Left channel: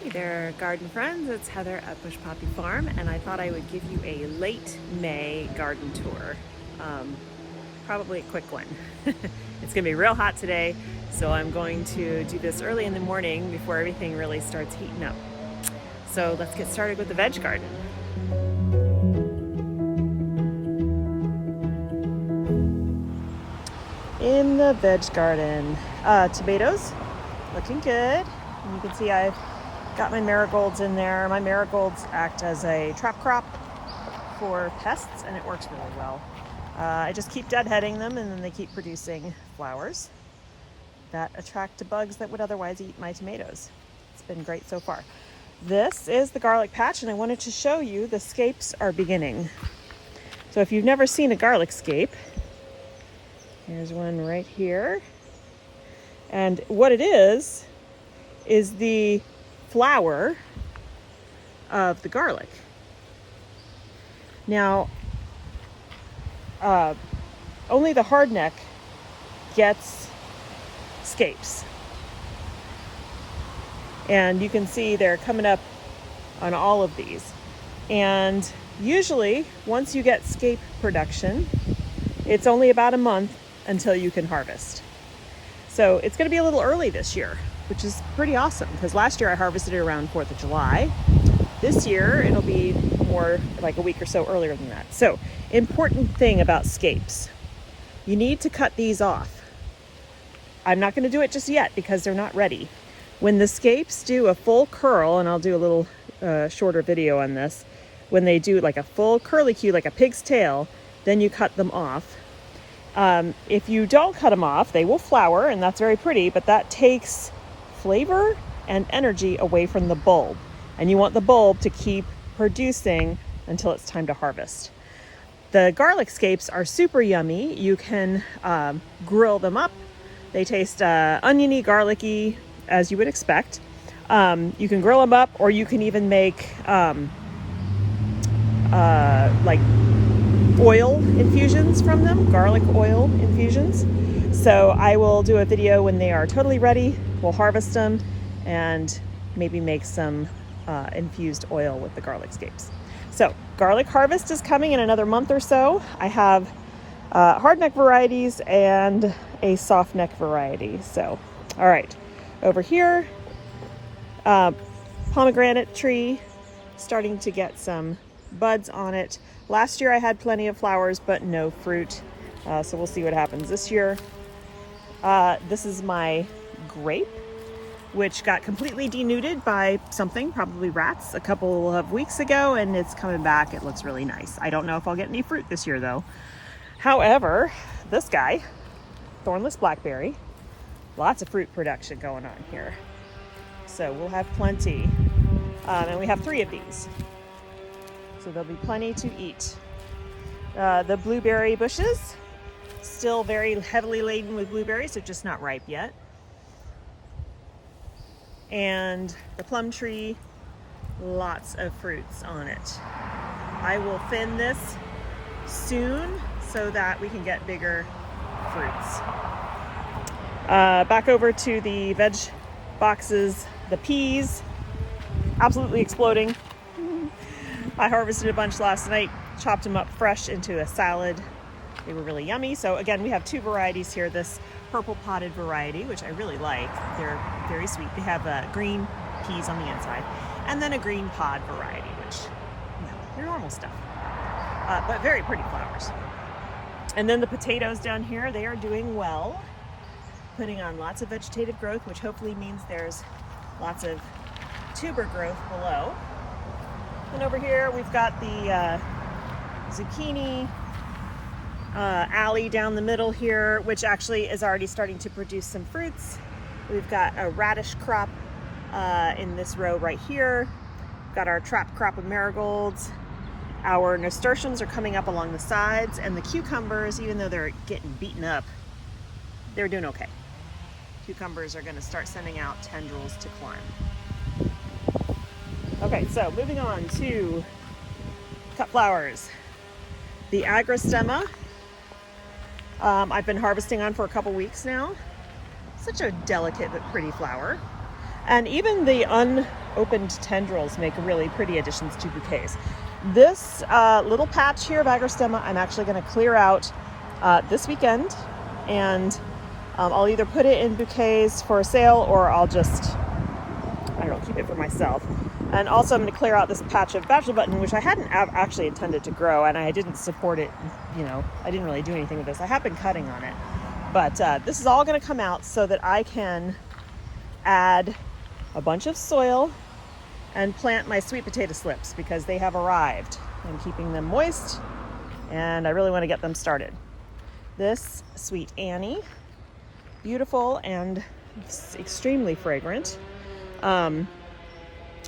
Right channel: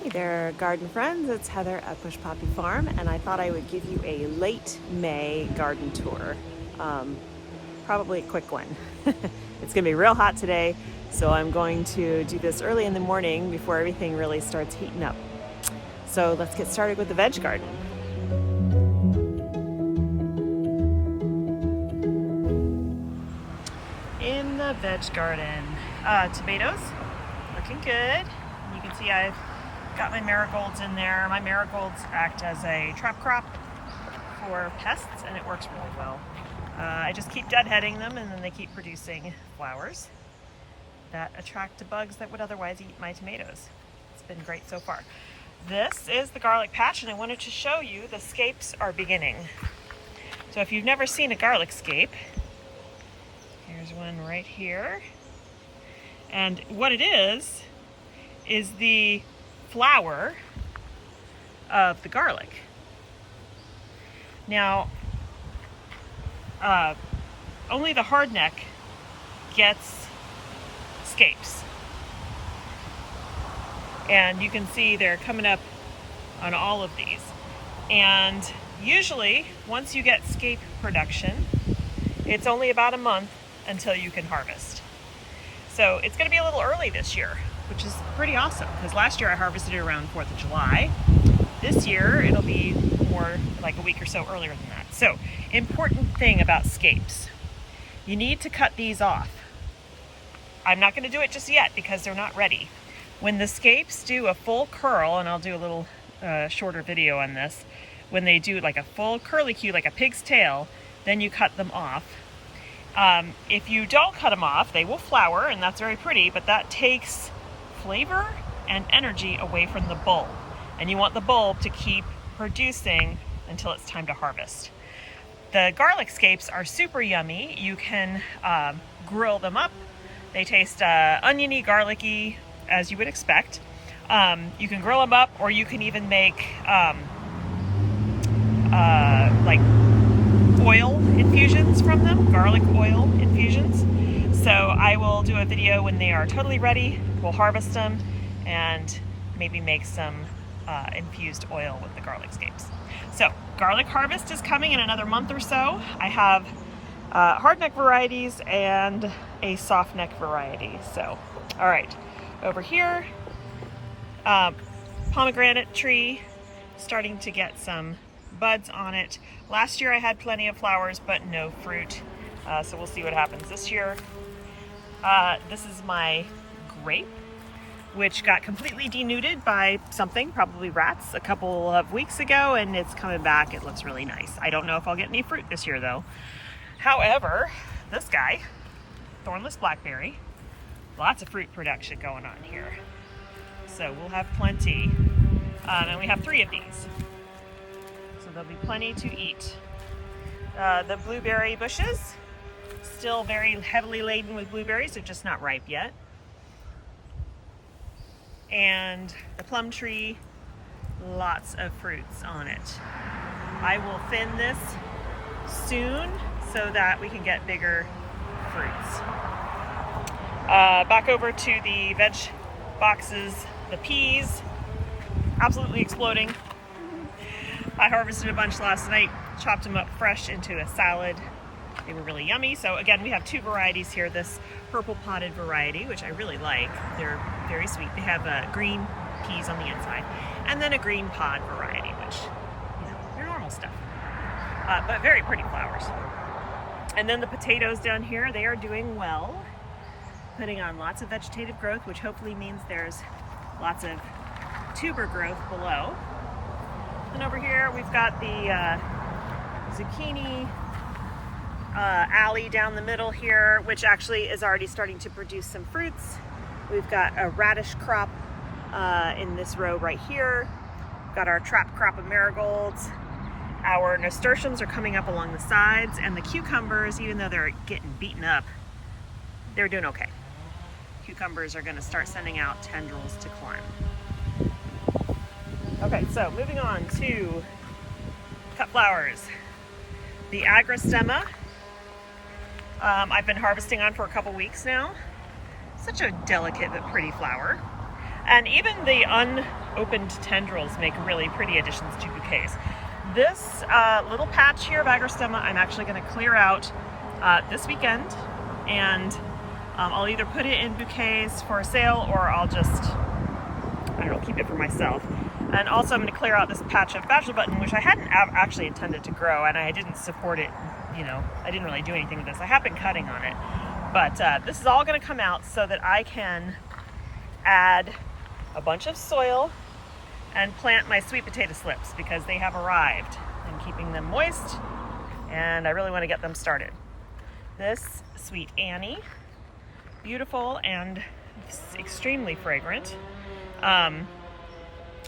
Hey there, garden friends. It's Heather at Bush Poppy Farm, and I thought I would give you a late May garden tour. Probably a quick one. It's gonna be real hot today, so I'm going to do this early in the morning before everything really starts heating up. So let's get started with the veg garden. In the veg garden, tomatoes looking good. And you can see I've got my marigolds in there. My marigolds act as a trap crop for pests, and it works really well. I just keep deadheading them, and then they keep producing flowers that attract the bugs that would otherwise eat my tomatoes. It's been great so far. This is the garlic patch, and I wanted to show you the scapes are beginning. So if you've never seen a garlic scape, here's one right here. And what it is the flower of the garlic. Now, only the hardneck gets scapes. And you can see they're coming up on all of these. And usually, once you get scape production, it's only about a month until you can harvest. So it's gonna be a little early this year, which is pretty awesome, because last year I harvested it around 4th of July. This year it'll be more like a week or so earlier than that. So, important thing about scapes. You need to cut these off. I'm not gonna do it just yet because they're not ready. When the scapes do a full curl, and I'll do a little shorter video on this, when they do like a full curlicue, like a pig's tail, then you cut them off. If you don't cut them off, they will flower, and that's very pretty, but that takes flavor and energy away from the bulb. And you want the bulb to keep producing until it's time to harvest. The garlic scapes are super yummy. You can grill them up. They taste oniony, garlicky, as you would expect. You can grill them up, or you can even make like oil infusions from them, garlic oil infusions. So I will do a video when they are totally ready. We'll harvest them and maybe make some infused oil with the garlic scapes. So garlic harvest is coming in another month or so. I have hardneck varieties and a soft neck variety. So, all right, over here, pomegranate tree, starting to get some buds on it. Last year I had plenty of flowers but no fruit, so we'll see what happens this year. This is my grape, which got completely denuded by something, probably rats, a couple of weeks ago, and it's coming back. It looks really nice. I don't know if I'll get any fruit this year though. However, this guy, Thornless Blackberry, lots of fruit production going on here. So we'll have plenty, and we have 3 of these. So there'll be plenty to eat. The blueberry bushes, still very heavily laden with blueberries, they're just not ripe yet. And the plum tree, lots of fruits on it. I will thin this soon so that we can get bigger fruits. Back over to the veg boxes, the peas, absolutely exploding. I harvested a bunch last night, chopped them up fresh into a salad. They were really yummy. So again, we have 2 varieties here. This purple potted variety, which I really like. They're very sweet. They have green peas on the inside, and then a green pod variety, which, you know, they're normal stuff, but very pretty flowers. And then the potatoes down here, they are doing well, putting on lots of vegetative growth, which hopefully means there's lots of tuber growth below. And over here we've got the zucchini alley down the middle here, which actually is already starting to produce some fruits. We've got a radish crop in this row right here. We've got our trap crop of marigolds. Our nasturtiums are coming up along the sides, and the cucumbers, even though they're getting beaten up, they're doing okay. Cucumbers are going to start sending out tendrils to climb. Okay, so moving on to cut flowers. The agrostemma, I've been harvesting on for a couple weeks now. Such a delicate but pretty flower. And even the unopened tendrils make really pretty additions to bouquets. This little patch here of agrostemma I'm actually going to clear out this weekend, and I'll either put it in bouquets for sale or I'll just, I don't know, keep it for myself. And also I'm going to clear out this patch of bachelor button, which I hadn't actually intended to grow, and I didn't support it, you know, I didn't really do anything with this. I have been cutting on it, but this is all going to come out so that I can add a bunch of soil and plant my sweet potato slips, because they have arrived. I'm keeping them moist and I really want to get them started. This Sweet Annie, beautiful and extremely fragrant.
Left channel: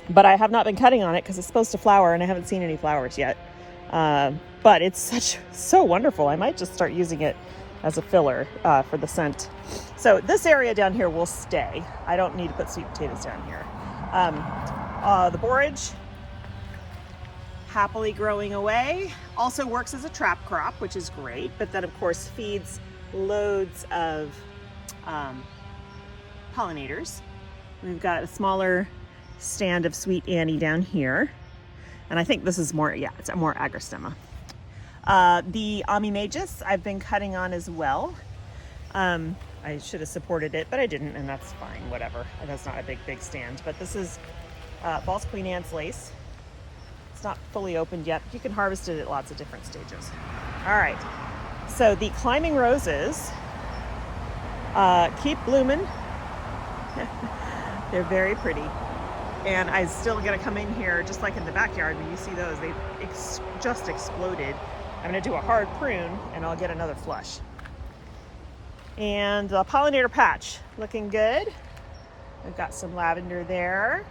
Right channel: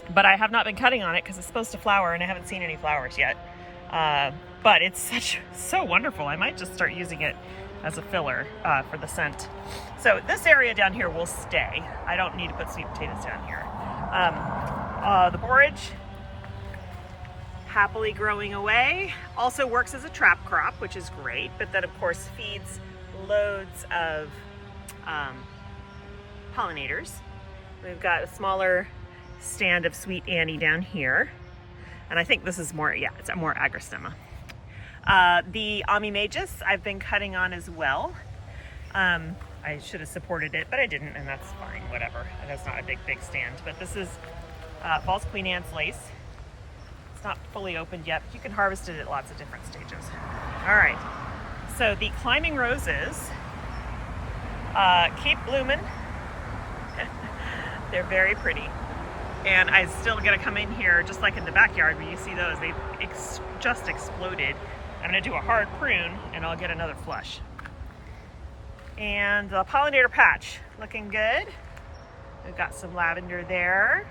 But I have not been cutting on it because it's supposed to flower and I haven't seen any flowers yet. But it's so wonderful. I might just start using it as a filler for the scent. So this area down here will stay. I don't need to put sweet potatoes down here. The borage, happily growing away, also works as a trap crop, which is great, but then of course feeds loads of pollinators. We've got a smaller stand of Sweet Annie down here, and I think this is more, yeah, it's more agrostemma. The Magus I've been cutting on as well. I should have supported it, but I didn't, and that's fine, whatever. And that's not a big stand. But this is false Queen Anne's lace. It's not fully opened yet, but you can harvest it at lots of different stages. All right, so the climbing roses keep blooming. They're very pretty. And I still gotta come in here, just like in the backyard where you see those, they've just exploded. I'm gonna do a hard prune and I'll get another flush. And the pollinator patch, looking good. We've got some lavender there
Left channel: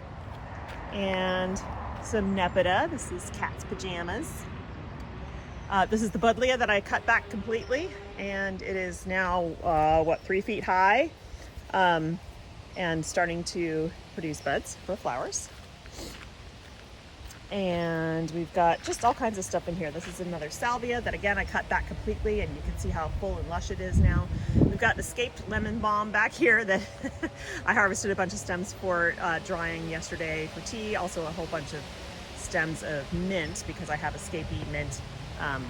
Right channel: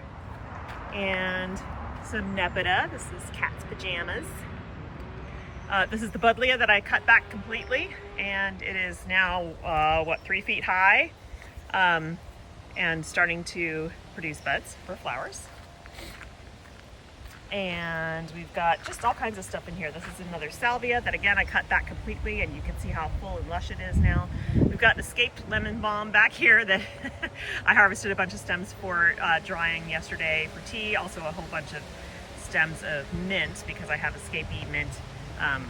and some Nepeta. This is Cat's Pajamas. This is the Buddleia that I cut back completely, and it is now, 3 feet high, and starting to produce buds for flowers. And we've got just all kinds of stuff in here. This is another salvia that, again, I cut back completely, and you can see how full and lush it is now. We've got an escaped lemon balm back here that I harvested a bunch of stems for drying yesterday for tea. Also a whole bunch of stems of mint, because I have escapee mint.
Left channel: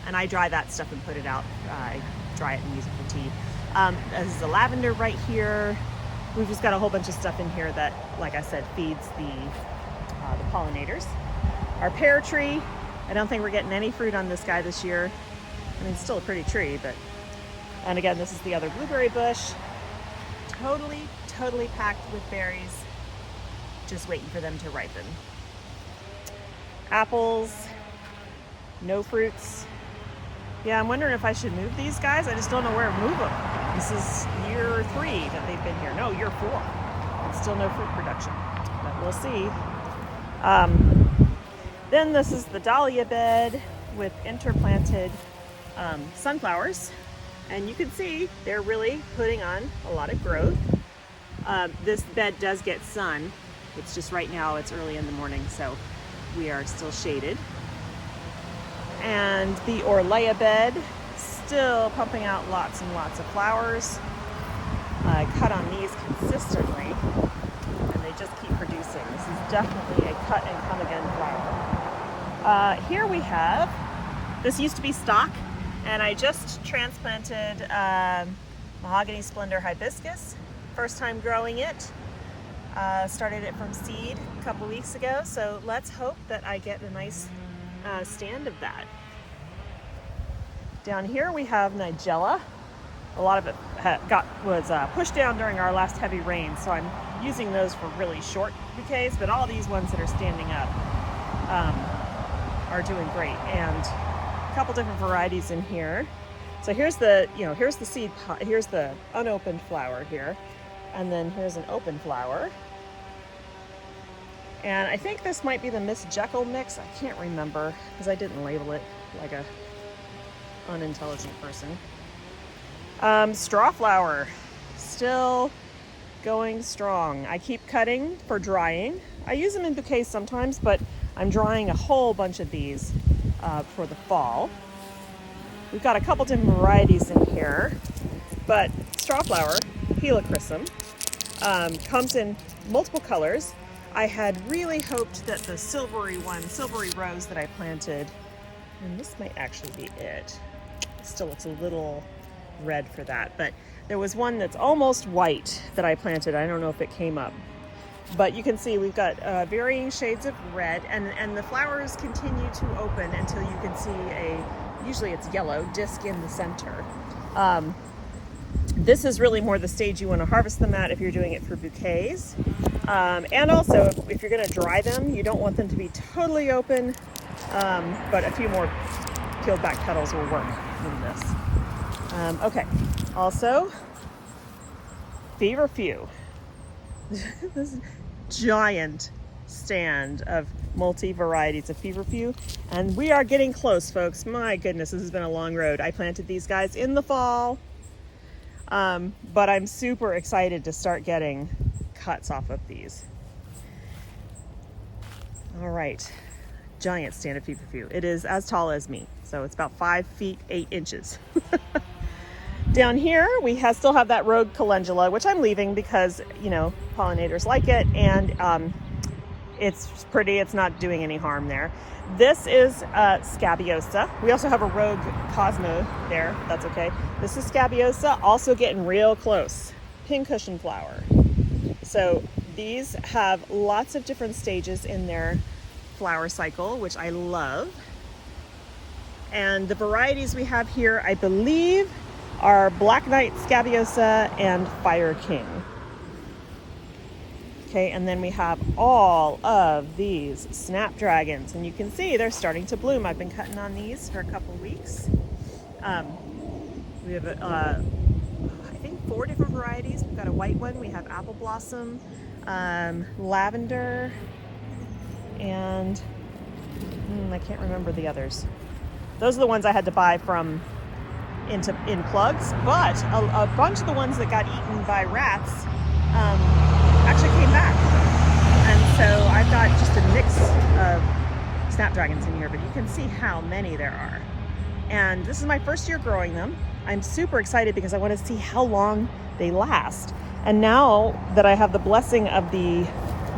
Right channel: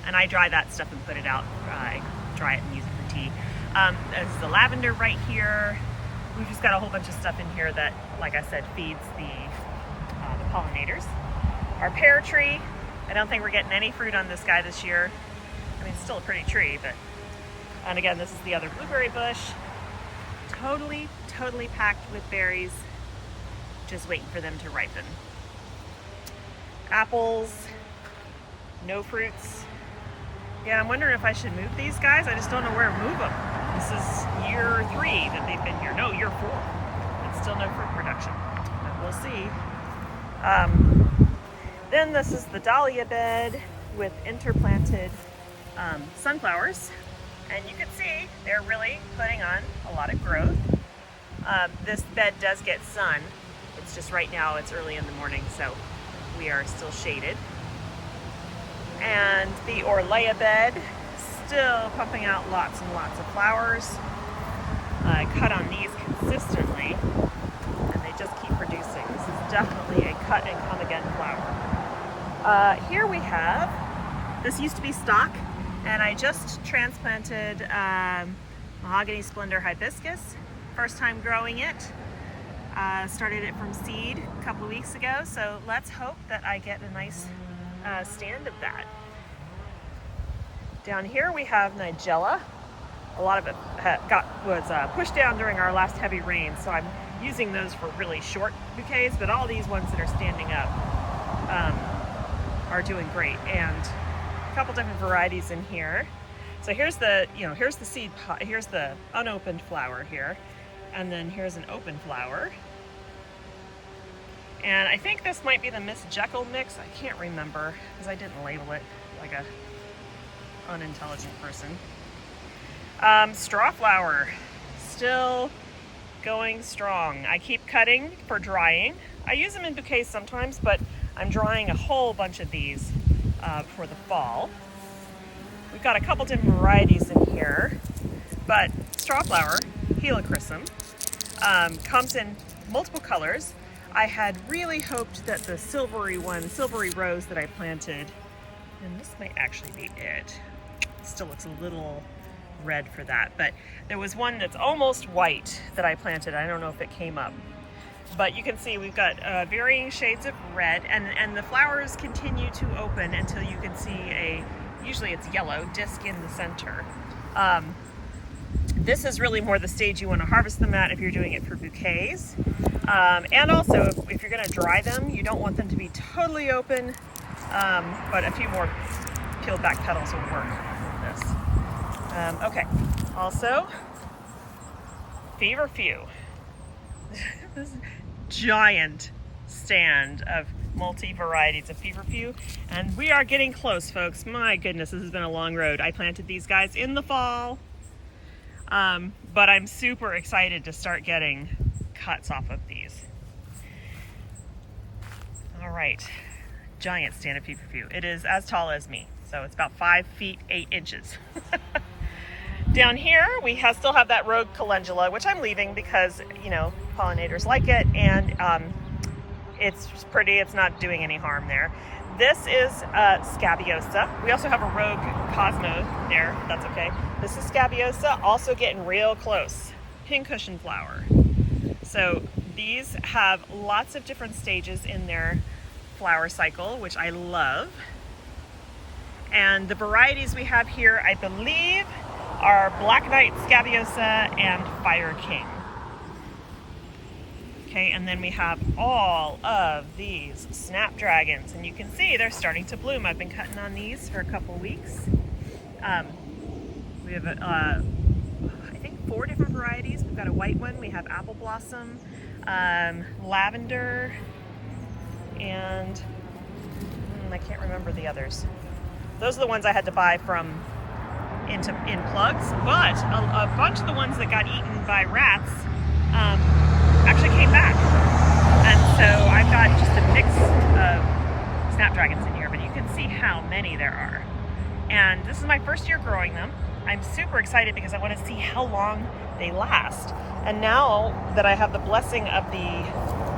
And I dry that stuff and put it out. I dry it and use it for tea. There's the lavender right here. We've just got a whole bunch of stuff in here that, like I said, feeds the pollinators. Our pear tree, I don't think we're getting any fruit on this guy this year. I mean, it's still a pretty tree, but, and again, this is the other blueberry bush. Totally packed with berries, just waiting for them to ripen. Apples, no fruits. Yeah, I'm wondering if I should move these guys. I just don't know where to move them. This is year 3 that they've been here. No, year 4. And still no fruit production. But we'll see. Then this is the Dahlia Bed with interplanted sunflowers. And you can see they're really putting on a lot of growth. This bed does get sun. It's just right now, it's early in the morning, so we are still shaded. And the Orlea bed, still pumping out lots and lots of flowers. I cut on these consistently, and they just keep producing. This is definitely a cut and come again flower. Here we have, this used to be stock, and I just transplanted Mahogany Splendor hibiscus. First time growing it. Started it from seed a couple weeks ago, so let's hope that I get a nice stand of that. Down here we have Nigella. A lot of it was pushed down during our last heavy rain, so I'm using those for really short bouquets, but all these ones that are standing up are doing great. And a couple different varieties in here. So here's the, here's the seed pot, here's the unopened flower here, and then here's an open flower. And I think this might be the Miss Jekyll mix. I can't remember because I didn't label it like a unintelligent person. Straw flower, still going strong. I keep cutting for drying. I use them in bouquets sometimes, but I'm drying a whole bunch of these for the fall. We've got a couple different varieties in here, but straw flower, Helichrysum. Comes in multiple colors. I had really hoped that the silvery rose that I planted, and this might actually be it. It still looks a little red for that, but there was one that's almost white that I planted. I don't know if it came up, but you can see we've got varying shades of red, and the flowers continue to open until you can see usually it's yellow, disc in the center. This is really more the stage you want to harvest them at if you're doing it for bouquets. And also, if you're going to dry them, you don't want them to be totally open, but a few more peeled back petals will work on this. Okay, also, Feverfew. This giant stand of multi-varieties of Feverfew, and we are getting close, folks. My goodness, this has been a long road. I planted these guys in the fall, but I'm super excited to start getting cuts off of these. All right, giant stand of Feverfew. It is as tall as me, so it's about 5 feet 8 inches. Down here, we still have that rogue calendula, which I'm leaving because, you know, pollinators like it, and it's pretty, it's not doing any harm there. This is Scabiosa. We also have a rogue Cosmo there, that's okay. This is Scabiosa, also getting real close. Pincushion flower. So these have lots of different stages in their flower cycle, which I love. And the varieties we have here, I believe, are Black Knight, Scabiosa, and Fire King. Okay, and then we have all of these Snapdragons, and you can see they're starting to bloom. I've been cutting on these for a couple weeks. We have, I think, 4 different varieties. We've got a white one, we have Apple Blossom, Lavender, and I can't remember the others. Those are the ones I had to buy from in plugs, but a bunch of the ones that got eaten by rats actually came back. And so I've got just a mix of Snapdragons in here, but you can see how many there are. And this is my first year growing them. I'm super excited because I want to see how long they last. And now that I have the blessing of the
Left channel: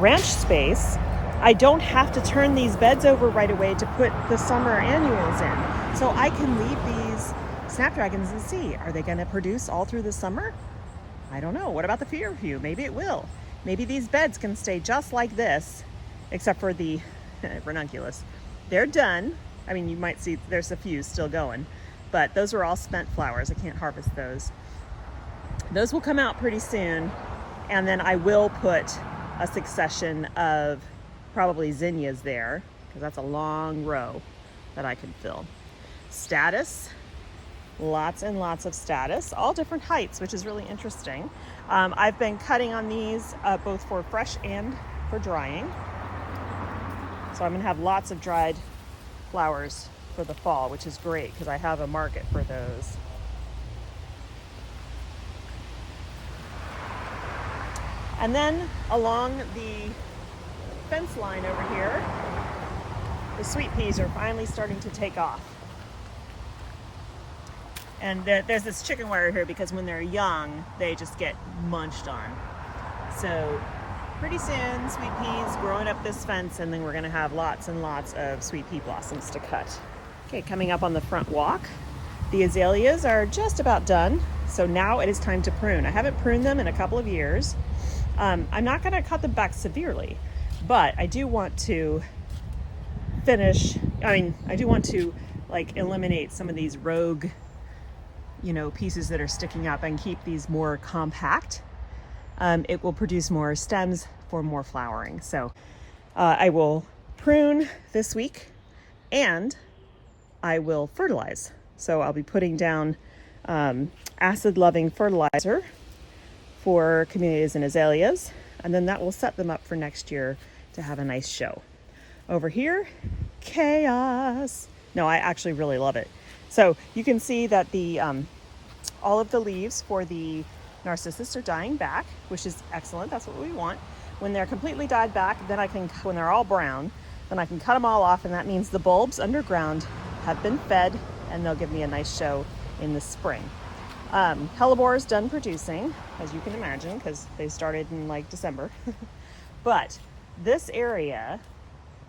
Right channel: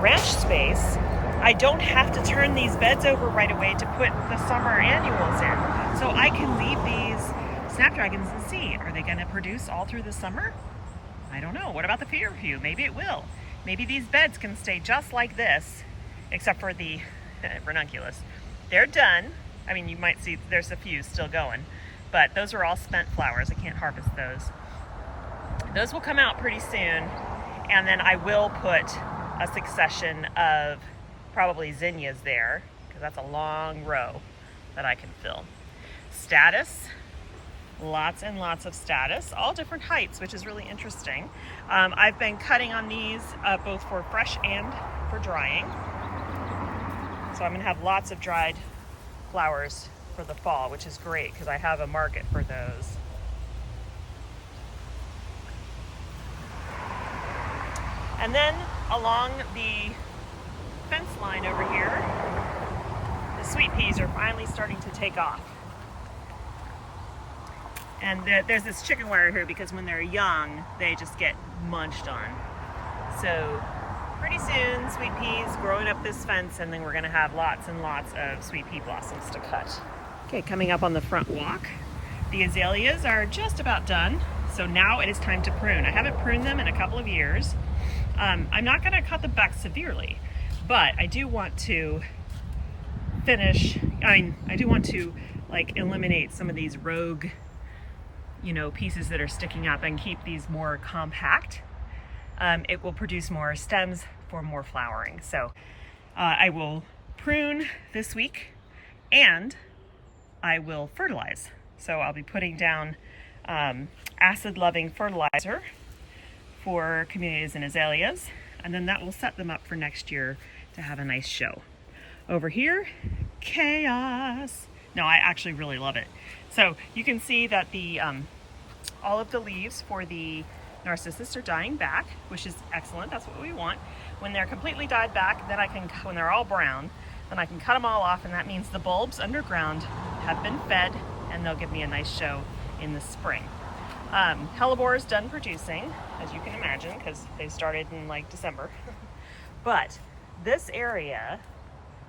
ranch space, I don't have to turn these beds over right away to put the summer annuals in. So I can leave these Snapdragons and see, are they going to produce all through the summer? I don't know. What about the Feverfew? Maybe it will. Maybe these beds can stay just like this, except for the ranunculus. They're done. I mean, you might see there's a few still going, but those are all spent flowers. I can't harvest those. Those will come out pretty soon, and then I will put a succession of probably zinnias there, because that's a long row that I can fill. Status. Lots and lots of status, all different heights, which is really interesting. I've been cutting on these both for fresh and for drying. So I'm gonna have lots of dried flowers for the fall, which is great because I have a market for those. And then along the fence line over here, the sweet peas are finally starting to take off. And there's this chicken wire here because when they're young, they just get munched on. So pretty soon, sweet peas growing up this fence, and then we're gonna have lots and lots of sweet pea blossoms to cut. Okay, coming up on the front walk, the azaleas are just about done. So now it is time to prune. I haven't pruned them in a couple of years. I'm not gonna cut them back severely, but I do want to like eliminate some of these rogue, you know, pieces that are sticking up and keep these more compact. It will produce more stems for more flowering. So I will prune this week and I will fertilize. So I'll be putting down acid-loving fertilizer for camellias and azaleas, and then that will set them up for next year to have a nice show. Over here, chaos. No, I actually really love it. So you can see that the all of the leaves for the narcissus are dying back, which is excellent. That's what we want. When they're completely dyed back, then when they're all brown, then I can cut them all off, and that means the bulbs underground have been fed, and they'll give me a nice show in the spring. Hellebore is done producing, as you can imagine, because they started in like December. But this area,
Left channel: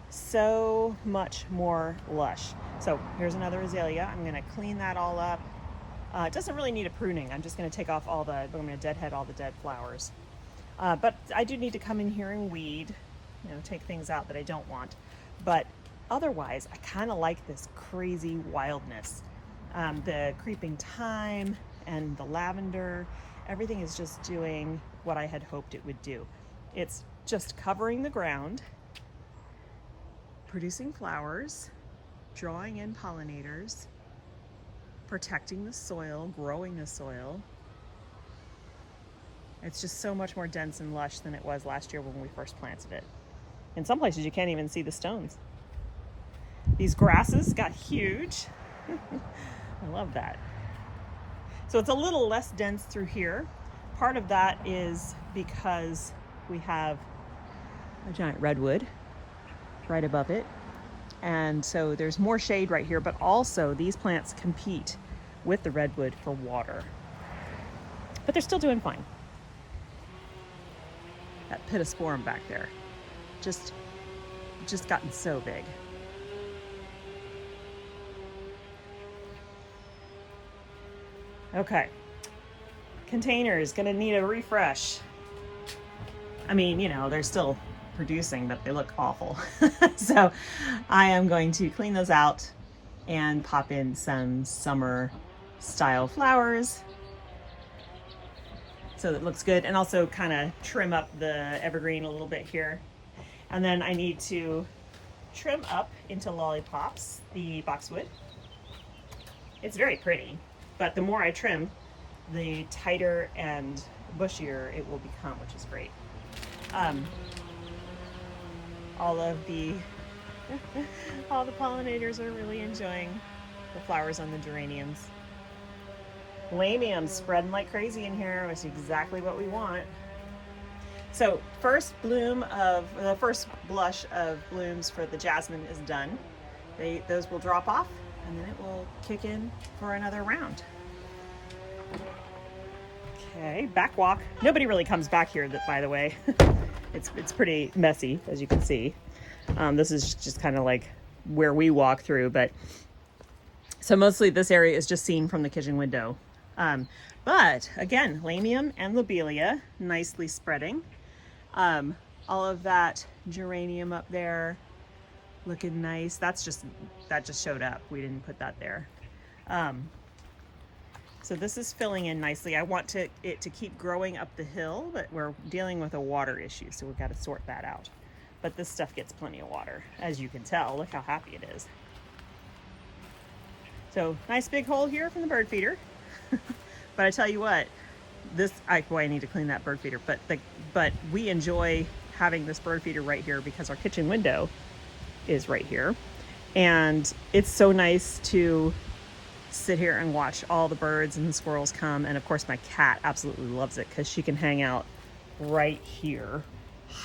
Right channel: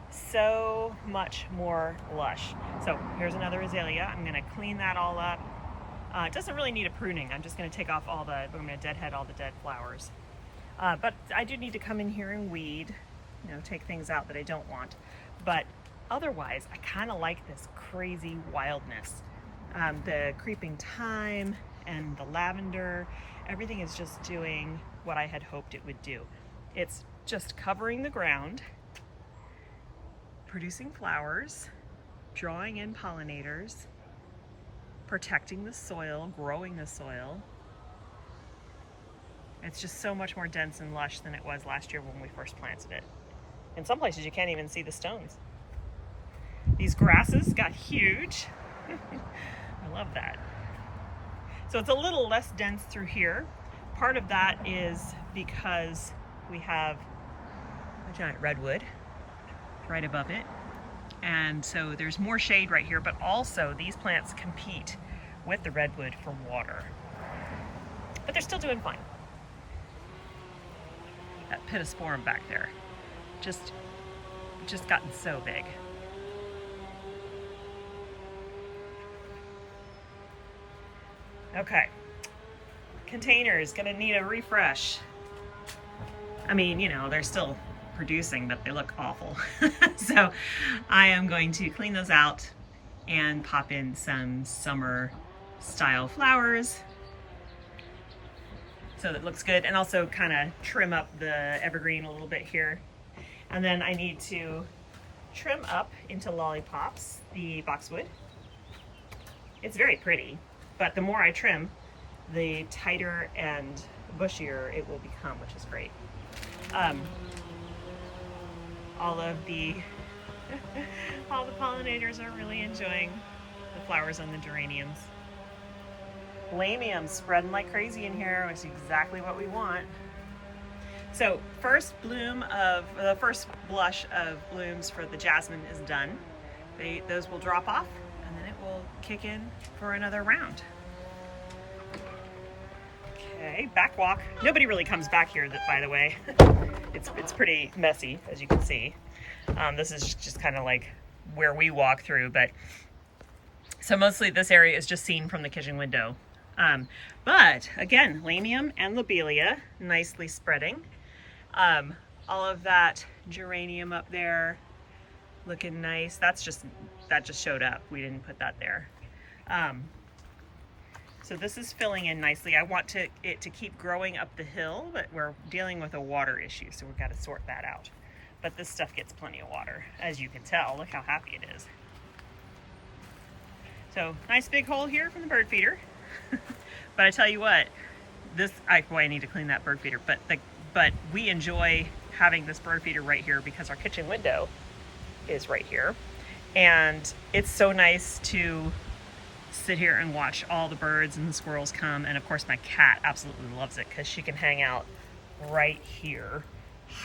so much more lush. So here's another azalea. I'm going to clean that all up. It doesn't really need a pruning. I'm just going to take off I'm going to deadhead all the dead flowers. But I do need to come in here and weed, take things out that I don't want. But otherwise, I kind of like this crazy wildness. The creeping thyme and the lavender, everything is just doing what I had hoped it would do. It's just covering the ground, producing flowers, drawing in pollinators, protecting the soil, growing the soil. It's just so much more dense and lush than it was last year when we first planted it. In some places you can't even see the stones. These grasses got huge. I love that. So it's a little less dense through here. Part of that is because we have a giant redwood right above it. And so there's more shade right here, but also these plants compete with the redwood for water. But they're still doing fine. That pittosporum back there, just gotten so big. Okay, containers gonna need a refresh. I mean, they're still producing, but they look awful. So I am going to clean those out and pop in some summer style flowers so that it looks good, and also kind of trim up the evergreen a little bit here. And then I need to trim up into lollipops the boxwood. It's very pretty, but the more I trim, the tighter and bushier it will become, which is great. All the pollinators are really enjoying the flowers on the geraniums. Lamiums spreading like crazy in here, which is exactly what we want. So first blush of blooms for the jasmine is done. Those will drop off, and then it will kick in for another round. Okay, back walk. Nobody really comes back here, by the way. It's pretty messy, as you can see. This is just kind of like where we walk through, but so mostly this area is just seen from the kitchen window. But again, lamium and lobelia nicely spreading. All of that geranium up there looking nice. That just showed up. We didn't put that there. So this is filling in nicely. I want it to keep growing up the hill, but we're dealing with a water issue, so we've got to sort that out. But this stuff gets plenty of water, as you can tell. Look how happy it is. So nice big hole here from the bird feeder. But I tell you what, I need to clean that bird feeder, but we enjoy having this bird feeder right here because our kitchen window is right here. And it's so nice to sit here and watch all the birds and the squirrels come. And of course my cat absolutely loves it because she can hang out right here,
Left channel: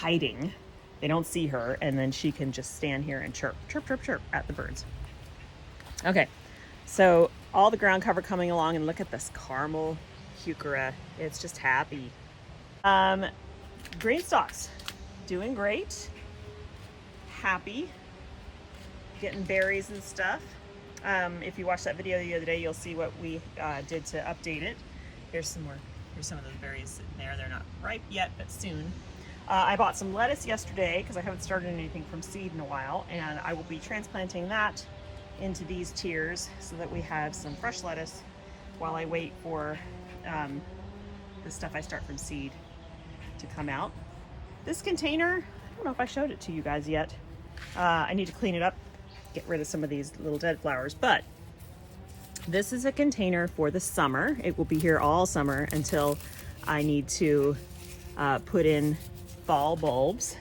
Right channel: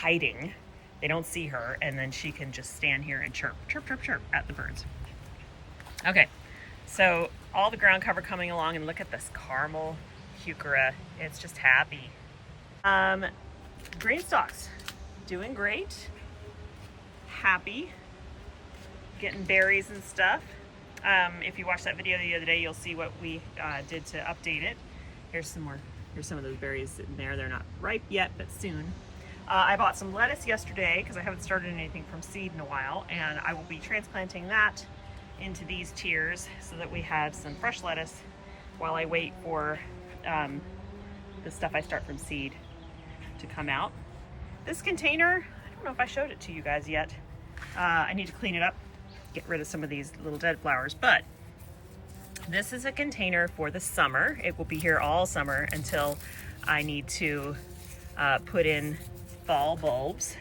hiding. They don't see her, and then she can just stand here and chirp, chirp, chirp, chirp at the birds. Okay, so all the ground cover coming along, and look at this caramel heuchera. It's just happy. Green stalks, doing great. Happy, getting berries and stuff. If you watched that video the other day, you'll see what we did to update it. Here's some more. Here's some of those berries sitting there. They're not ripe yet, but soon. I bought some lettuce yesterday because I haven't started anything from seed in a while, and I will be transplanting that into these tiers so that we have some fresh lettuce while I wait for the stuff I start from seed to come out. This container, I don't know if I showed it to you guys yet. I need to clean it up, get rid of some of these little dead flowers, but this is a container for the summer. It will be here all summer until I need to put in fall bulbs.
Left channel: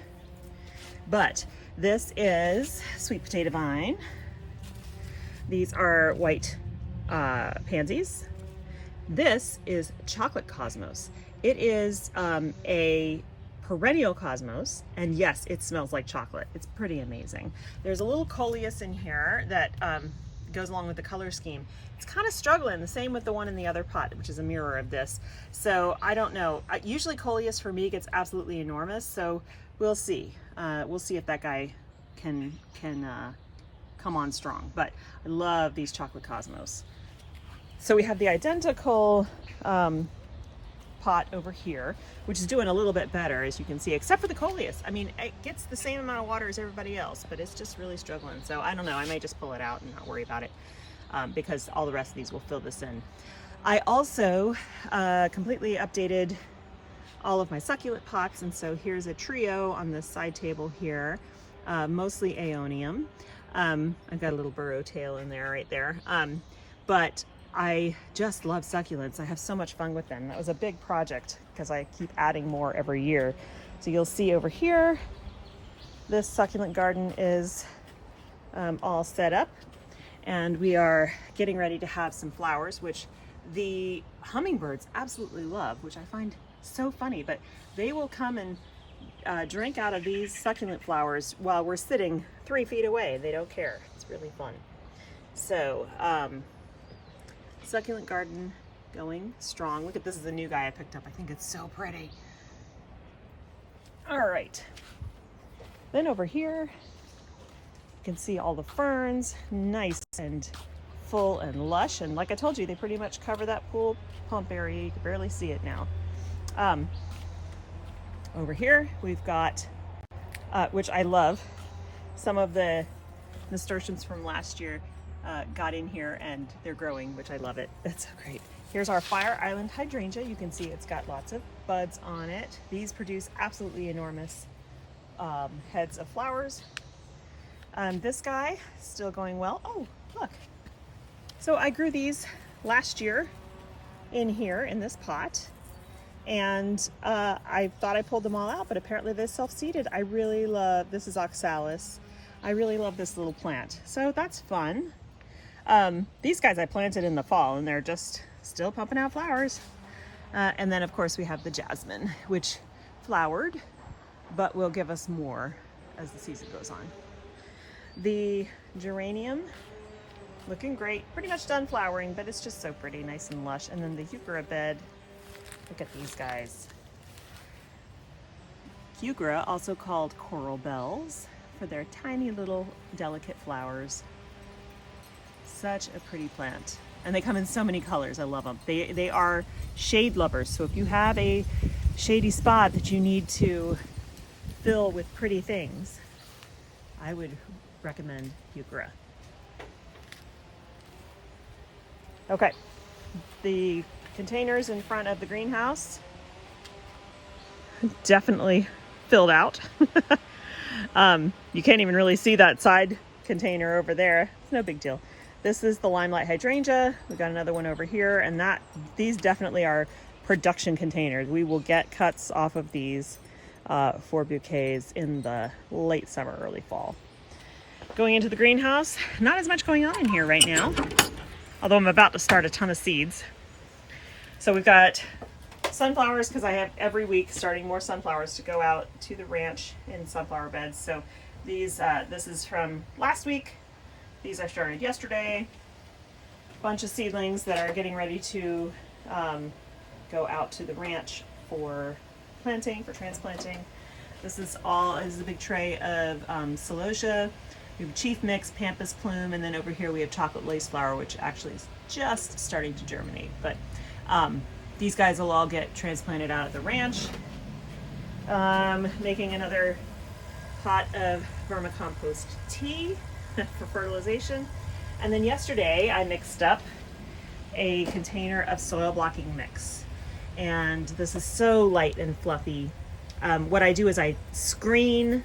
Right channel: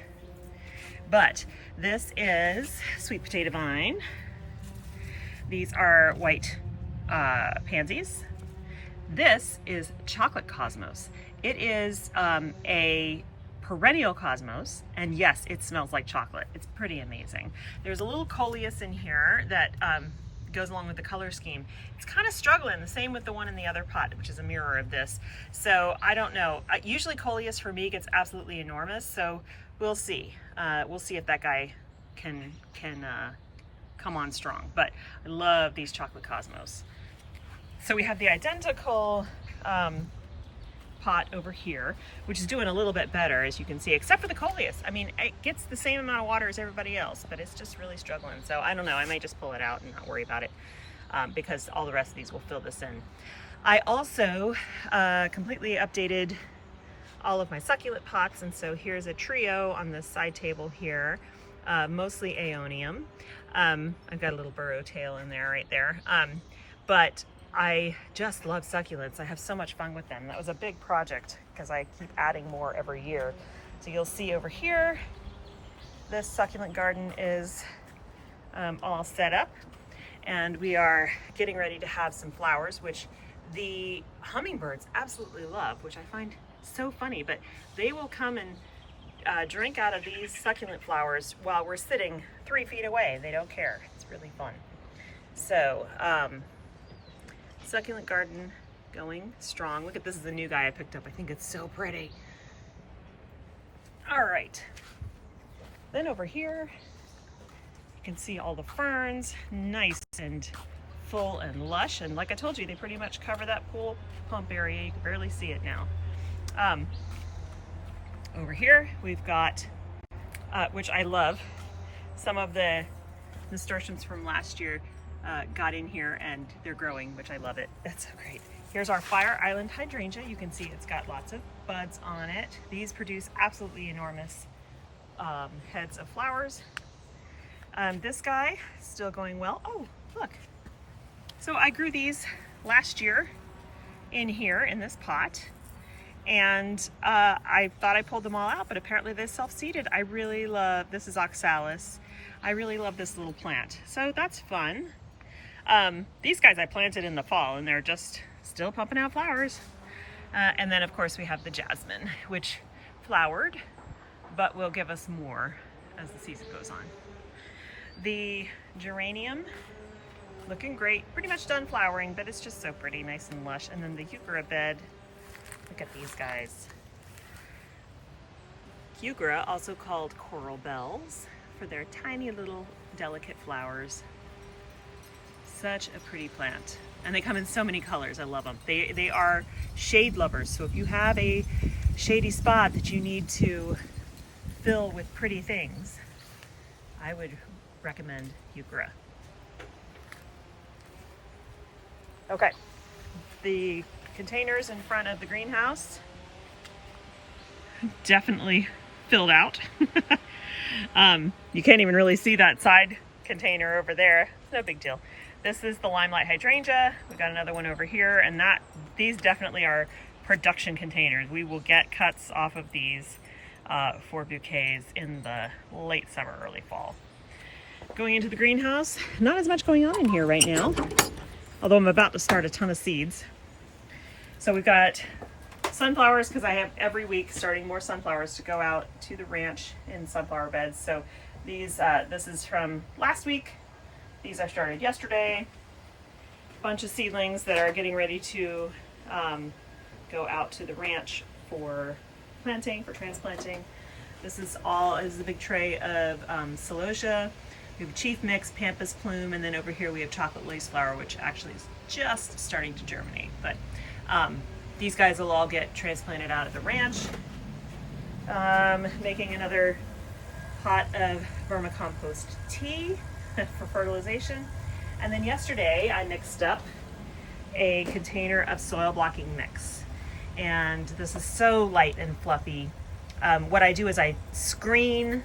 But this is sweet potato vine. These are white pansies. This is chocolate cosmos. It is a perennial cosmos, and yes, it smells like chocolate. It's pretty amazing. There's a little coleus in here that goes along with the color scheme. It's kind of struggling, the same with the one in the other pot, which is a mirror of this. So I don't know. Usually Coleus for me gets absolutely enormous, so we'll see. We'll see if that guy can come on strong. But I love these chocolate cosmos. So we have the identical pot over here, which is doing a little bit better, as you can see, except for the Coleus. I mean, it gets the same amount of water as everybody else, but it's just really struggling. So I don't know, I may just pull it out and not worry about it, because all the rest of these will fill this in. I also completely updated all of my succulent pots, and so here's a trio on the side table here, mostly Aeonium. I've got a little burrow tail in there right there, but I just love succulents. I have so much fun with them. That was a big project because I keep adding more every year. So you'll see over here, this succulent garden is all set up, and we are getting ready to have some flowers, which the hummingbirds absolutely love, which I find so funny, but they will come and drink out of these succulent flowers while we're sitting 3 feet away. They don't care. It's really fun. So, succulent garden going strong. Look at this, is a new guy I picked up. I think it's so pretty. All right. Then over here, you can see all the ferns, nice and full and lush. And like I told you, they pretty much cover that pool pump area. You can barely see it now. Over here, we've got, which I love, some of the nasturtiums from last year got in here and they're growing, which I love it. It's so great. Here's our Fire Island Hydrangea. You can see it's got lots of buds on it. These produce absolutely enormous heads of flowers. This guy, still going well. Oh, look. So I grew these last year in here in this pot, and I thought I pulled them all out, but apparently they self-seeded. I really love, this is Oxalis. I really love this little plant. So that's fun. These guys I planted in the fall and they're just still pumping out flowers. And then of course we have the jasmine, which flowered, but will give us more as the season goes on. The geranium, looking great, pretty much done flowering, but it's just so pretty, nice and lush. And then the heuchera bed, look at these guys. Heuchera, also called coral bells, for their tiny little delicate flowers. Such a pretty plant. And they come in so many colors, I love them. They are shade lovers, so if you have a shady spot that you need to fill with pretty things, I would recommend heuchera. Okay, the containers in front of the greenhouse, definitely filled out. You can't even really see that side container over there. It's no big deal. This is the Limelight Hydrangea. We've got another one over here, and these definitely are production containers. We will get cuts off of these for bouquets in the late summer, early fall. Going into the greenhouse, not as much going on in here right now, although I'm about to start a ton of seeds. So we've got sunflowers, because I have every week starting more sunflowers to go out to the ranch in sunflower beds. So these, this is from last week. These I started yesterday. A bunch of seedlings that are getting ready to go out to the ranch for planting, for transplanting. This is the big tray of celosia. We have chief mix, pampas plume, and then over here we have chocolate lace flower, which actually is just starting to germinate. But these guys will all get transplanted out at the ranch. Making another pot of vermicompost tea for fertilization. And then yesterday I mixed up a container of soil blocking mix. And this is so light and fluffy. What I do is I screen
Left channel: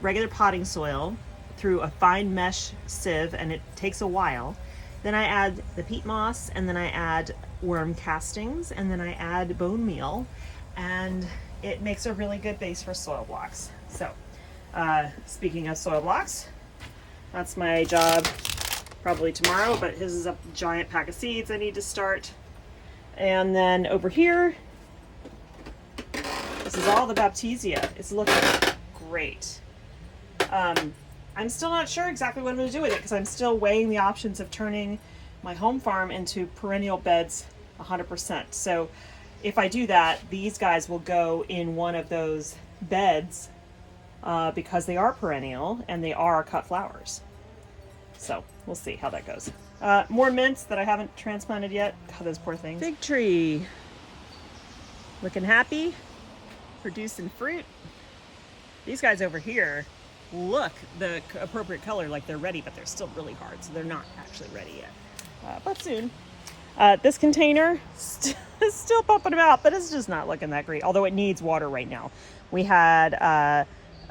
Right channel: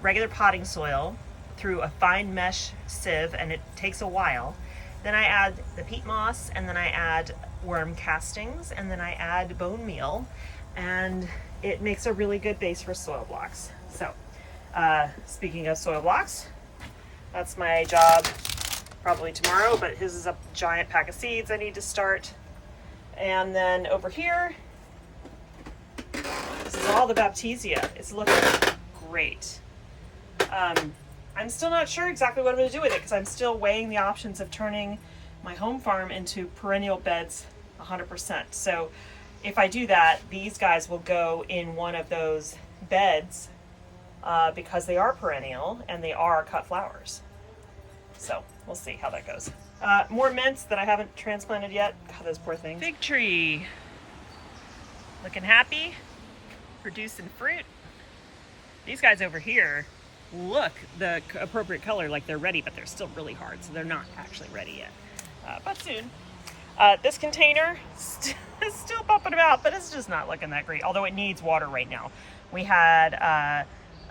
regular potting soil through a fine mesh sieve, and it takes a while. Then I add the peat moss, and then I add worm castings, and then I add bone meal, and it makes a really good base for soil blocks. So speaking of soil blocks, that's my job probably tomorrow, but his is a giant pack of seeds I need to start. And then over here, this is all the Baptisia. It's looking great. I'm still not sure exactly what I'm going to do with it because I'm still weighing the options of turning my home farm into perennial beds 100%. So if I do that, these guys will go in one of those beds because they are perennial and they are cut flowers. So we'll see how that goes. More mints that I haven't transplanted yet. God, those poor things. Fig tree. Looking happy. Producing fruit. These guys over here look the appropriate color, like they're ready, but they're still really hard, so they're not actually ready yet. But soon. This container is still pumping about, but it's just not looking that great, although it needs water right now. We had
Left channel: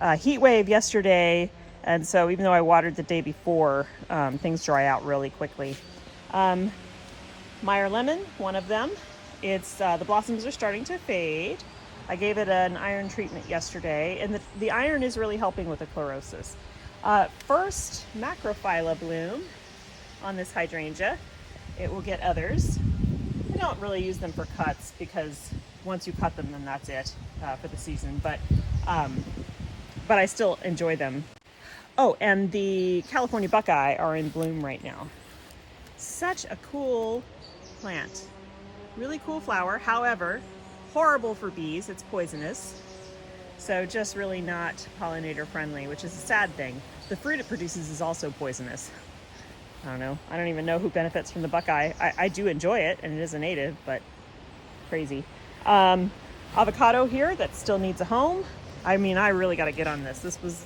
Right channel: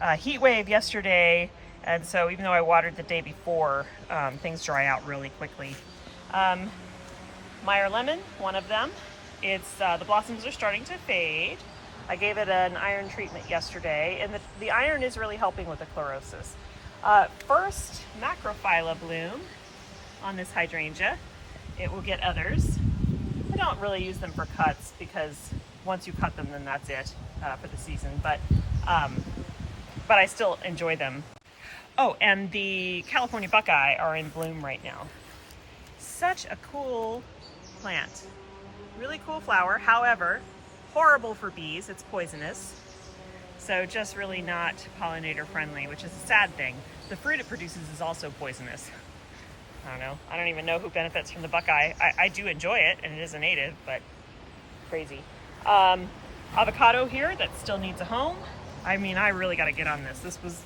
a heat wave yesterday, and so even though I watered the day before, things dry out really quickly. Meyer Lemon, one of them. It's the blossoms are starting to fade. I gave it an iron treatment yesterday, and the iron is really helping with the chlorosis. First macrophylla bloom on this hydrangea. It will get others. I don't really use them for cuts because once you cut them, then that's it for the season. But I still enjoy them. Oh, and the California Buckeye are in bloom right now. Such a cool plant. Really cool flower. However, horrible for bees. It's poisonous. So just really not pollinator friendly, which is a sad thing. The fruit it produces is also poisonous. I don't know. I don't even know who benefits from the Buckeye. I do enjoy it, and it is a native, but crazy. Avocado here that still needs a home. I mean, I really got to get on this. This was,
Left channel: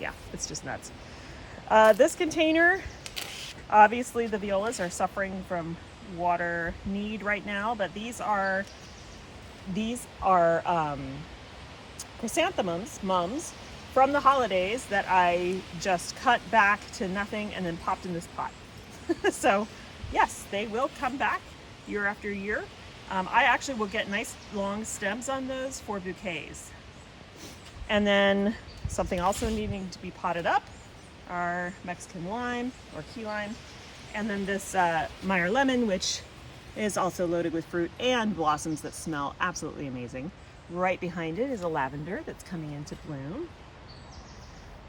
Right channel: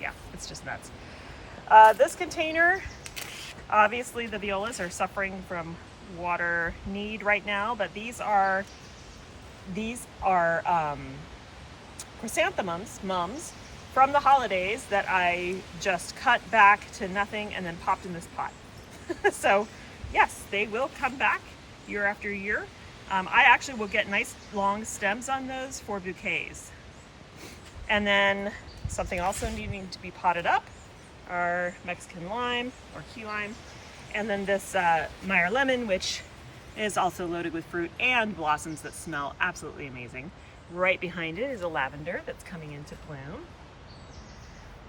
yeah, it's just nuts. This container, obviously the violas are suffering from water need right now, but these are chrysanthemums, mums, from the holidays that I just cut back to nothing and then popped in this pot. So yes, they will come back year after year. I actually will get nice long stems on those for bouquets. And then something also needing to be potted up are Mexican lime or key lime. And then this Meyer Lemon, which is also loaded with fruit and blossoms that smell absolutely amazing. Right behind it is a lavender that's coming into bloom.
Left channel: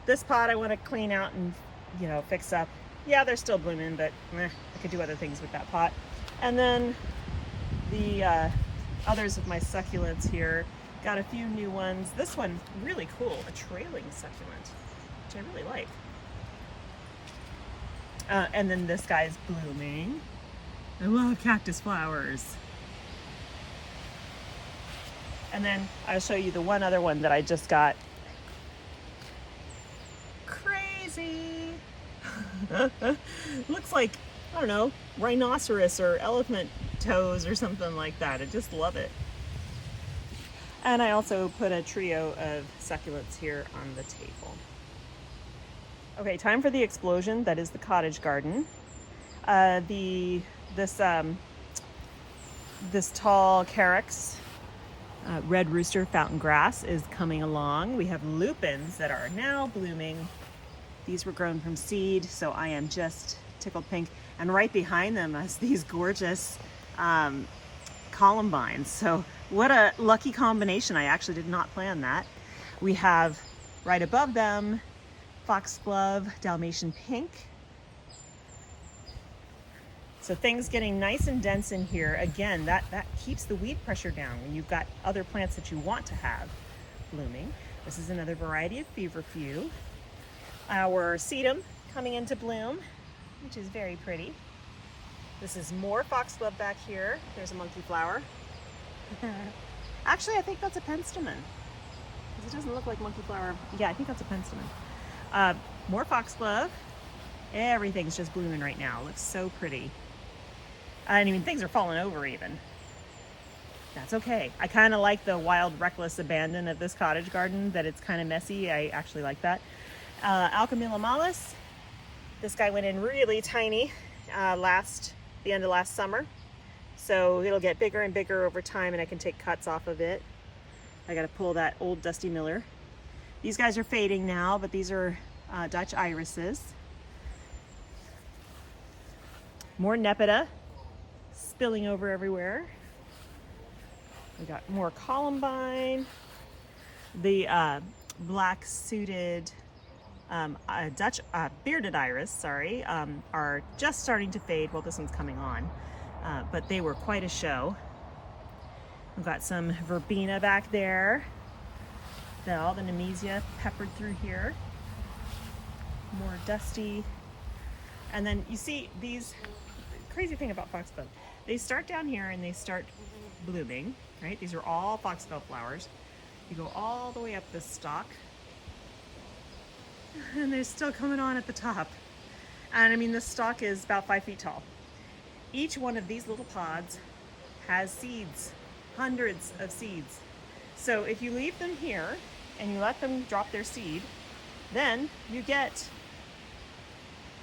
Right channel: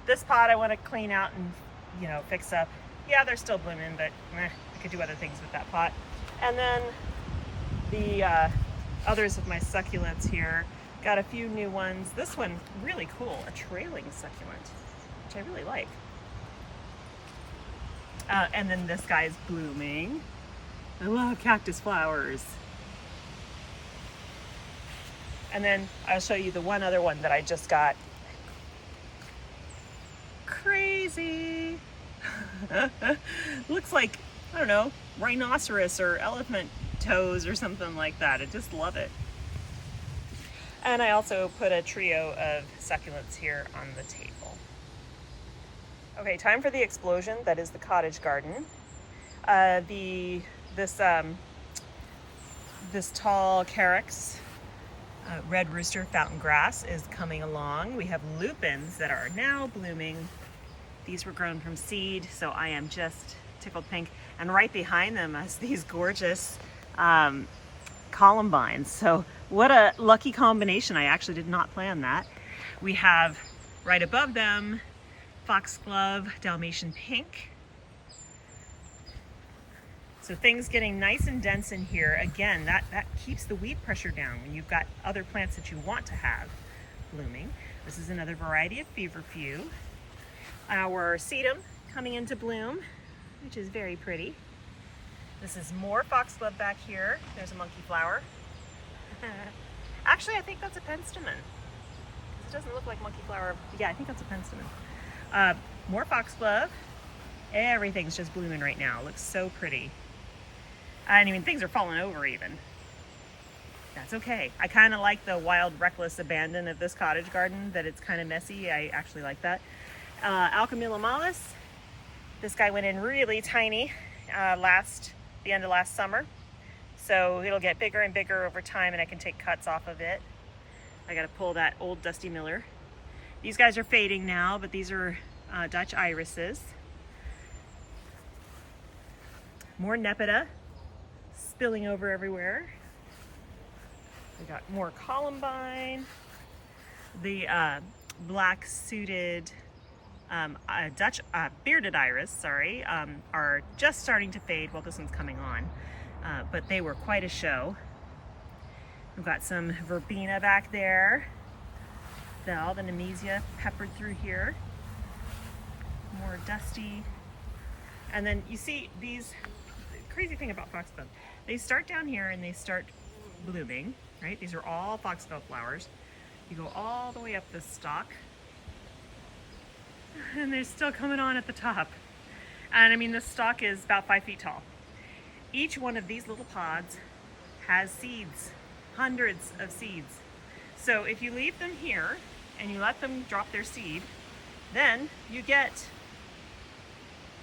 This pot I want to clean out and, you know, fix up. Yeah, they're still blooming, but I could do other things with that pot. And then the others of my succulents here, got a few new ones. This one, really cool, a trailing succulent, which I really like. And then this guy's blooming. I love cactus flowers. And then I'll show you the one other one that I just got. Crazy. Looks like, I don't know, rhinoceros or elephant toes or something like that. I just love it. And I also put a trio of succulents here on the table. Okay, time for the explosion. That is the Cottage Garden. This tall carex, red rooster fountain grass is coming along. We have lupines that are now blooming. These were grown from seed, so I am just tickled pink. And right behind them is these gorgeous columbines. So what a lucky combination. I actually did not plan that. We have right above them foxglove, Dalmatian pink. So things getting nice and dense in here. Again, that keeps the weed pressure down when you've got other plants that you want to have blooming. This is another variety of Feverfew. Our sedum coming into bloom, which is very pretty. This is more foxglove back here. There's a monkey flower. Actually, I think that's a penstemon. It doesn't look like monkey flower. Yeah, I think that's a penstemon. More foxglove. Everything's just blooming right now. It looks so pretty. I mean, things are falling over even. That's okay. I kind of like the wild, reckless abandon of this cottage garden, that it's kind of messy. I actually like that. Alchemilla mollis. This guy went in really tiny the end of last summer. So it'll get bigger and bigger over time, and I can take cuts off of it. I gotta pull that old Dusty Miller. These guys are fading now, but these are Dutch irises. More Nepeta spilling over everywhere. We got more columbine. The black suited bearded iris, sorry, are just starting to fade. Well, this one's coming on, but they were quite a show. We've got some verbena back there. All the nemesia peppered through here. More dusty. And then you see these, crazy thing about foxglove, they start down here and they start blooming, right? These are all foxglove flowers. You go all the way up this stalk and they're still coming on at the top. And I mean, this stalk is about 5 feet tall. Each one of these little pods has seeds, hundreds of seeds. So if you leave them here and you let them drop their seed, then you get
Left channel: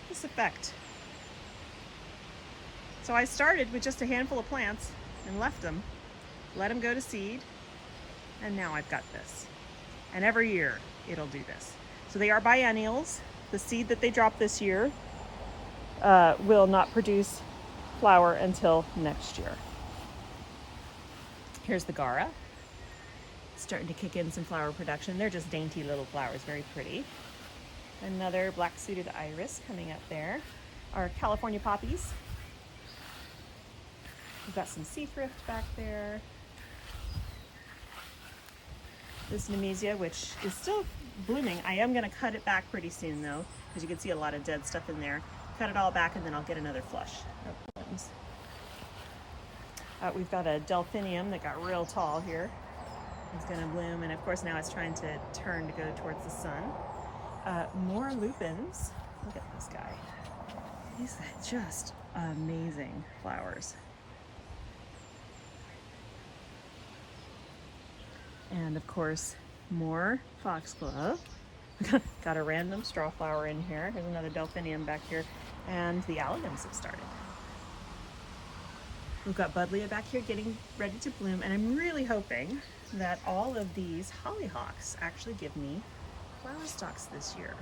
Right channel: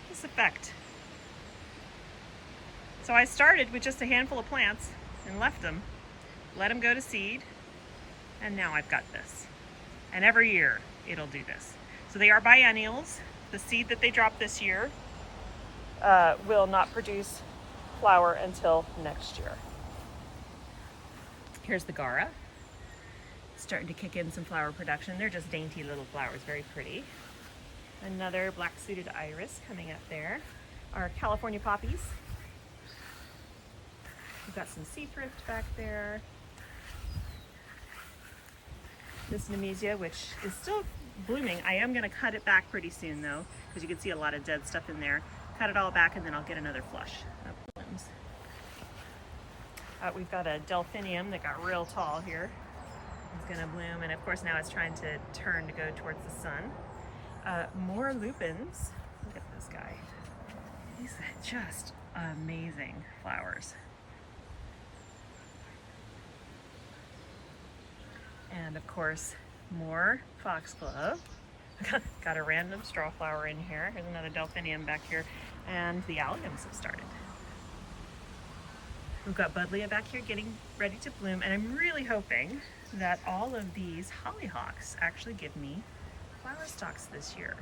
this effect. So I started with just a handful of plants and left them, let them go to seed, and now I've got this. And every year it'll do this. So they are biennials. The seed that they drop this year will not produce flower until next year. Here's the Gara, starting to kick in some flower production. They're just dainty little flowers, very pretty. Another black-suited iris coming up there. Our California poppies. We've got some sea thrift back there. This nemesia, which is still blooming. I am going to cut it back pretty soon though, because you can see a lot of dead stuff in there. Cut it all back and then I'll get another flush. We've got a delphinium that got real tall here. It's going to bloom, and of course now it's trying to turn to go towards the sun. More lupines. Look at this guy. These are just amazing flowers. And of course, more foxglove. Got a random straw flower in here. Here's another delphinium back here. And the alliums have started. We've got buddleia back here getting ready to bloom, and I'm really hoping that all of these hollyhocks actually give me flower stalks this year.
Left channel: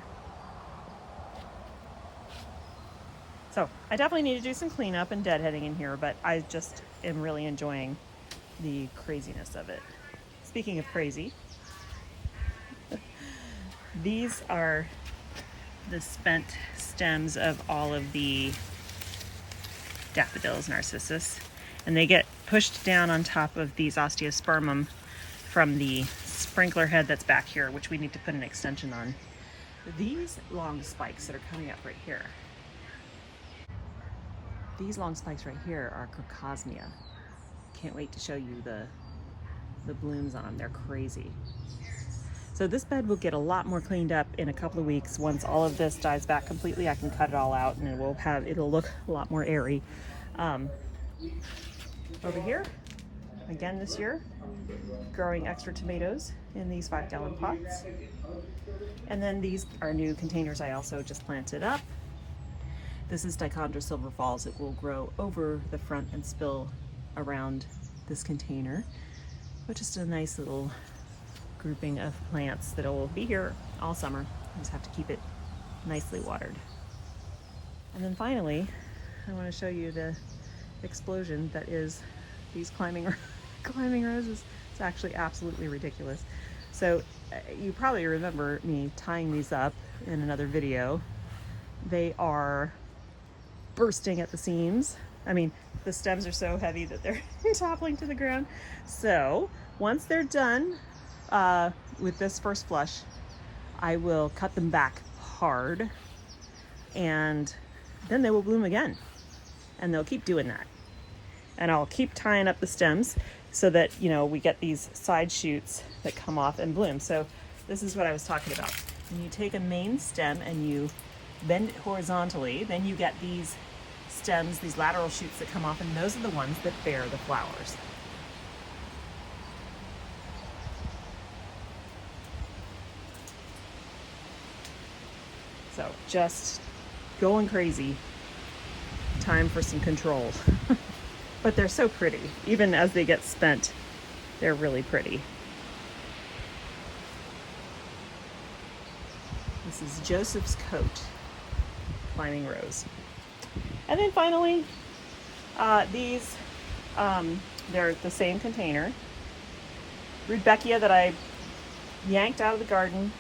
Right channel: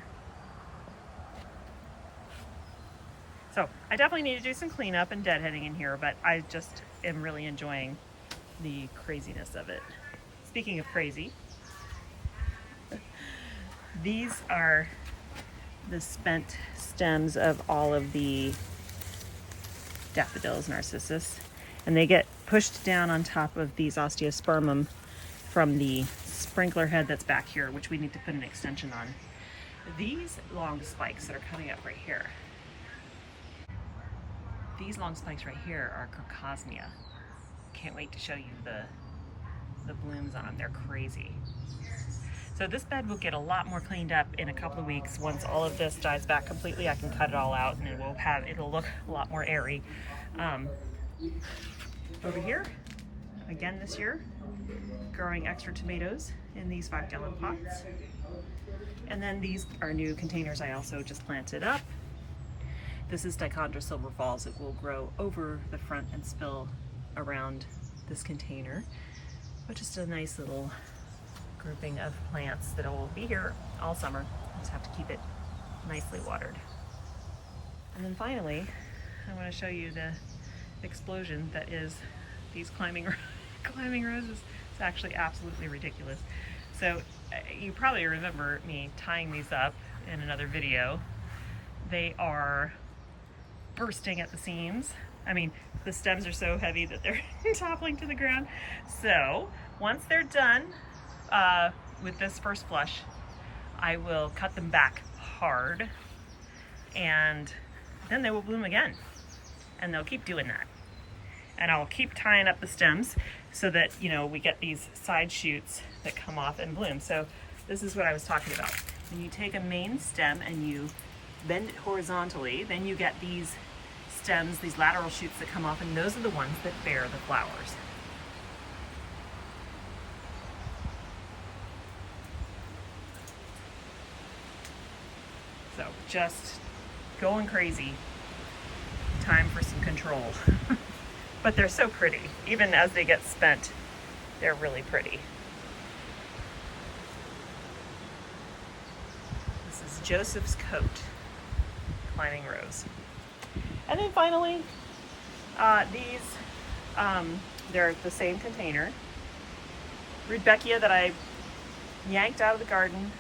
So I definitely need to do some cleanup and deadheading in here, but I just am really enjoying the craziness of it. Speaking of crazy, these are the spent stems of all of the daffodils, narcissus, and they get pushed down on top of these osteospermum from the sprinkler head that's back here, which we need to put an extension on. These long spikes that are coming up right here, these long spikes right here are Crocosmia. Can't wait to show you the blooms on. They're crazy. So this bed will get a lot more cleaned up in a couple of weeks. Once all of this dies back completely, I can cut it all out and it'll look a lot more airy. Over here, again this year, growing extra tomatoes in these 5-gallon pots. And then these are new containers I also just planted up. This is Dichondra Silver Falls. It will grow over the front and spill around this container, which is a nice little grouping of plants that will be here all summer. I just have to keep it nicely watered. And then finally, I want to show you the explosion that is these climbing roses. It's actually absolutely ridiculous. So you probably remember me tying these up in another video. They are bursting at the seams. I mean, the stems are so heavy that they're toppling to the ground. So once they're done with this first flush, I will cut them back hard, and then they will bloom again. And they'll keep doing that. And I'll keep tying up the stems so that, you know, we get these side shoots that come off and bloom. So this is what I was talking about. When you take a main stem and you bend it horizontally, then you get these stems, these lateral shoots that come off, and those are the ones that bear the flowers. So just going crazy. Time for some control. But they're so pretty. Even as they get spent, they're really pretty. This is Joseph's Coat, climbing rose. And then finally, these, they're the same container. Rudbeckia that I yanked out of the garden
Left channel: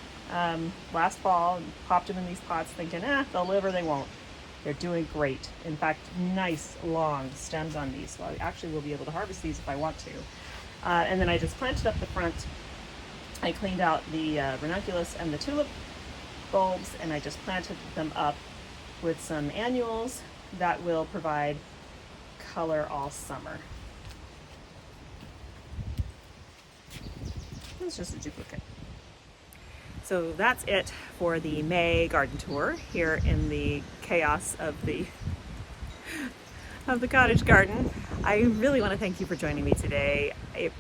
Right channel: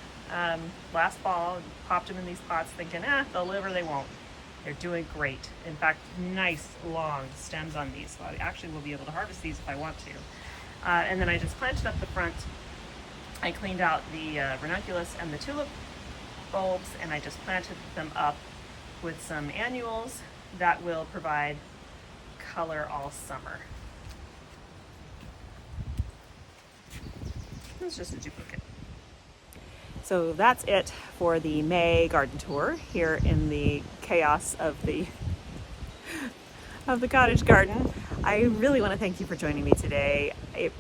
last fall and popped them in these pots thinking, they'll live or they won't. They're doing great. In fact, nice long stems on these. So I actually will be able to harvest these if I want to. And then I just planted up the front. I cleaned out the ranunculus and the tulip bulbs, and I just planted them up with some annuals that will provide color all summer. It's just a duplicate. So that's it for the May garden tour here in the chaos of the cottage garden. I really want to thank you for joining me today.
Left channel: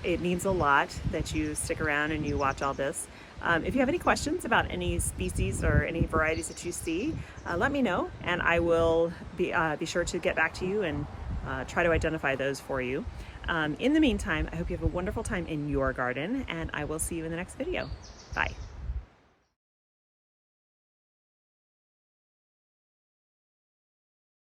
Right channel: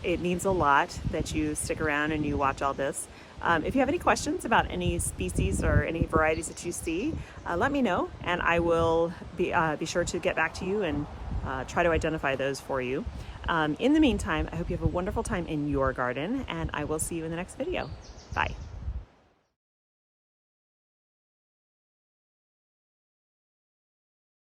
It means a lot that you stick around and you watch all this. If you have any questions about any species or any varieties that you see, let me know, and I will be sure to get back to you and try to identify those for you. In the meantime, I hope you have a wonderful time in your garden, and I will see you in the next video. Bye.